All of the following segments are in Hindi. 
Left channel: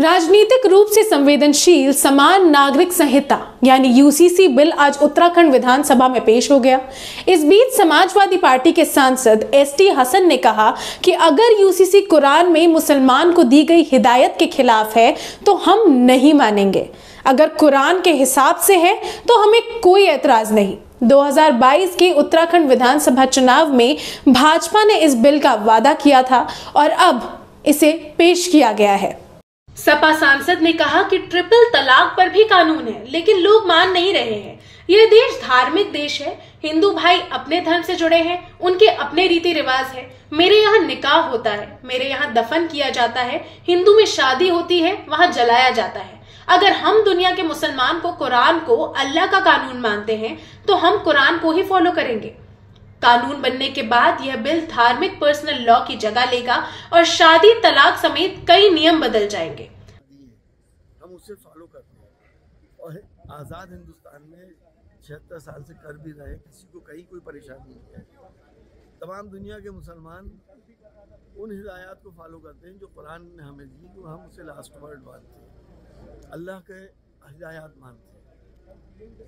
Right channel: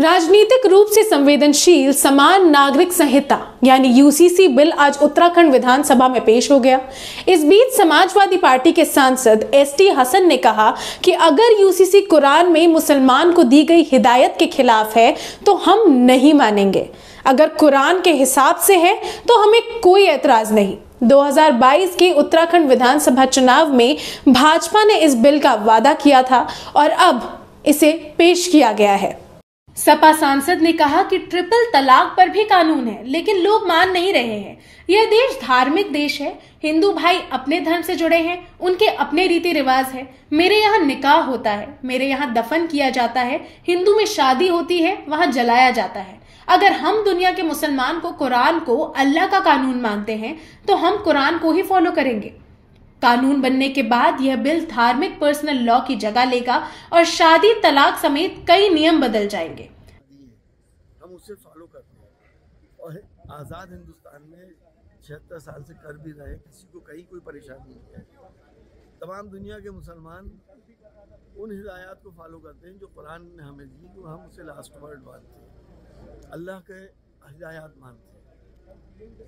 राजनीतिक रूप से संवेदनशील समान नागरिक संहिता यानी यूसीसी बिल आज उत्तराखंड विधानसभा में पेश हो गया। इस बीच समाजवादी पार्टी के सांसद एसटी हसन ने कहा कि अगर यूसीसी कुरान में मुसलमान को दी गई हिदायत के खिलाफ है तो हम नहीं मानेंगे। अगर कुरान के हिसाब से है तो हमें कोई एतराज नहीं। 2022 के उत्तराखंड विधानसभा चुनाव में भाजपा ने इस बिल का वादा किया था और अब इसे पेश किया गया है। सपा सांसद ने कहा कि ट्रिपल तलाक पर भी कानून है, लेकिन लोग मान नहीं रहे हैं। यह देश धार्मिक देश है। हिंदू भाई अपने धर्म से जुड़े हैं, उनके अपने रीति रिवाज है। मेरे यहाँ निकाह होता है, मेरे यहाँ दफन किया जाता है। हिंदू में शादी होती है, वहाँ जलाया जाता है। अगर हम दुनिया के मुसलमान को कुरान को अल्लाह का कानून मानते हैं तो हम कुरान को ही फॉलो करेंगे। कानून बनने के बाद यह बिल धार्मिक पर्सनल लॉ की जगह लेगा और शादी तलाक समेत कई नियम बदल जाएंगे। हम उसे फॉलो करते हैं और आज़ाद हिंदुस्तान में 76 साल से कर भी रहे, किसी को कहीं कोई परेशानी नहीं है। तमाम दुनिया के मुसलमान उन हिदायत को फॉलो करते हैं जो कुरान ने हमें दी, जो हम उसे लास्ट वर्ड मानते हैं, अल्लाह के हिदायत मानते हैं।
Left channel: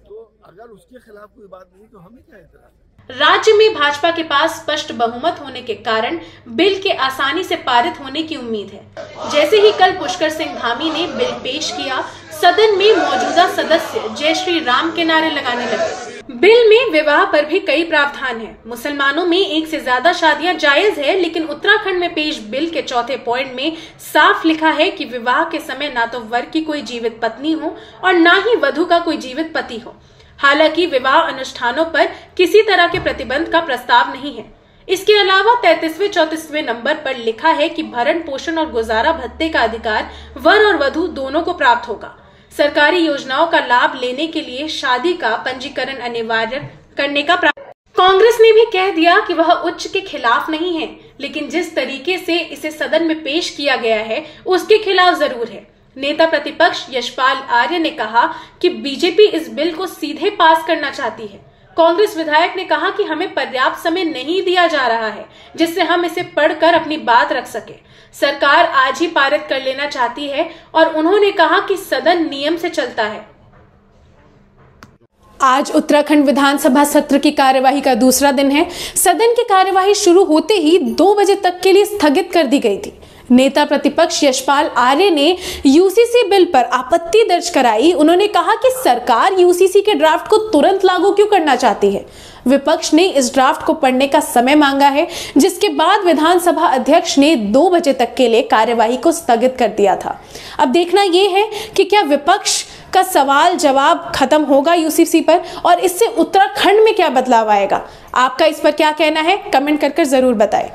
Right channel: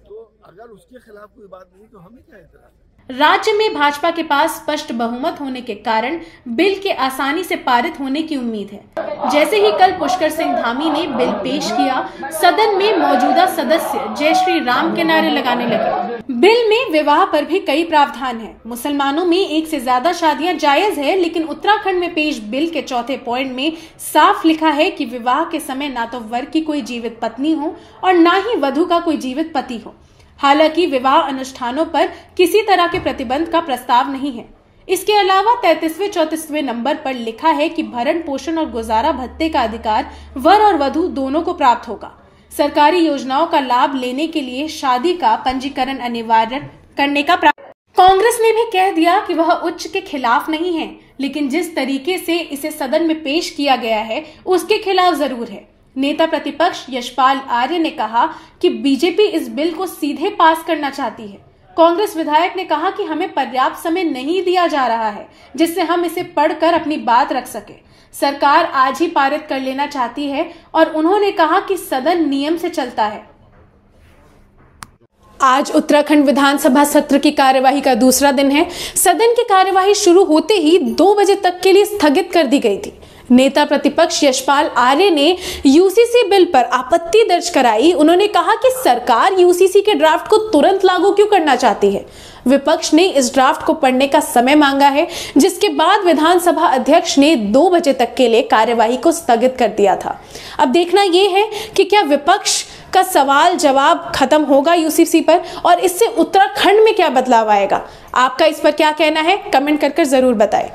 तो अगर उसके खिलाफ कोई बात नहीं तो हमें क्या एतराज है। राज्य में भाजपा के पास स्पष्ट बहुमत होने के कारण बिल के आसानी से पारित होने की उम्मीद है। जैसे ही कल पुष्कर सिंह धामी ने बिल पेश किया, सदन में मौजूदा सदस्य जय श्री राम के नारे लगाने लगे। बिल में विवाह पर भी कई प्रावधान हैं। मुसलमानों में एक से ज्यादा शादियां जायज है, लेकिन उत्तराखंड में पेश बिल के चौथे पॉइंट में साफ लिखा है कि विवाह के समय ना तो वर की कोई जीवित पत्नी हो और ना ही वधू का कोई जीवित पति हो। हालांकि विवाह अनुष्ठानों पर किसी तरह के प्रतिबंध का प्रस्ताव नहीं है। इसके अलावा 33वें-34वें नंबर पर लिखा है कि भरण पोषण और गुजारा भत्ते का अधिकार वर और वधू दोनों को प्राप्त होगा। सरकारी योजनाओं का लाभ लेने के लिए शादी का पंजीकरण अनिवार्य करने का कांग्रेस ने भी कह दिया कि वह उच्च के खिलाफ नहीं है, लेकिन जिस तरीके से इसे सदन में पेश किया गया है उसके खिलाफ जरूर है। नेता प्रतिपक्ष यशपाल आर्य ने कहा कि बीजेपी इस बिल को सीधे पास करना चाहती है। कांग्रेस विधायक ने कहा कि हमें पर्याप्त समय नहीं दिया जा रहा है जिससे हम इसे पढ़कर अपनी बात रख सके। सरकार आज ही पारित कर लेना चाहती है और उन्होंने कहा कि सदन नियम से चलता है। आज उत्तराखंड विधानसभा सत्र की कार्यवाही का दूसरा दिन है। सदन की कार्यवाही शुरू होते ही 2 बजे तक के लिए स्थगित कर दी गई थी। नेता प्रतिपक्ष यशपाल आर्य ने यूसीसी बिल पर आपत्ति दर्ज कराई। उन्होंने कहा कि सरकार यूसीसी के ड्राफ्ट को तुरंत लागू क्यों करना चाहती है। विपक्ष ने इस ड्राफ्ट को पढ़ने का समय मांगा है, जिसके बाद विधानसभा अध्यक्ष ने 2 बजे तक के लिए कार्यवाही को स्थगित कर दिया था। अब देखना यह है कि क्या विपक्ष का सवाल जवाब खत्म होगा यूसीसी पर और इससे उत्तराखंड में क्या बदलाव आएगा। आपका इस पर क्या कहना है, कमेंट कर जरूर बताएं।